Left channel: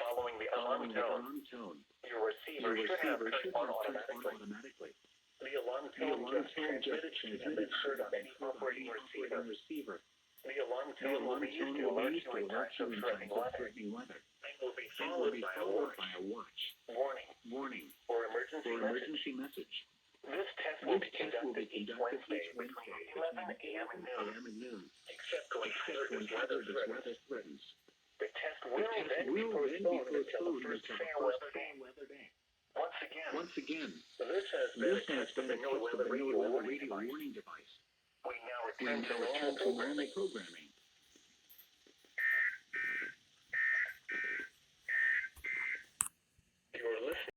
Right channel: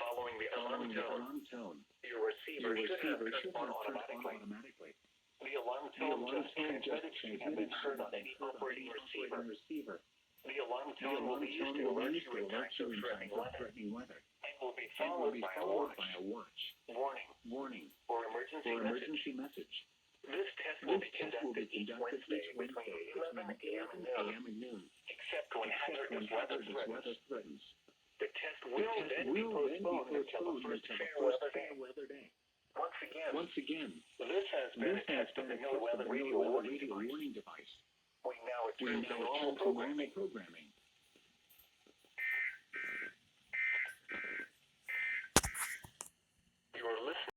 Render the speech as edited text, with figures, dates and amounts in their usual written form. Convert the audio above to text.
Following the alarm tone, your receiver should have turned on automatically. The alarm tone just transmitted to any operating receiver. The alarm tone will be used to alert you in times of threatening weather and will be followed by a watch, warning, or emergency message. This test will be conducted each Wednesday between 11 a.m. and noon, except when hazardous weather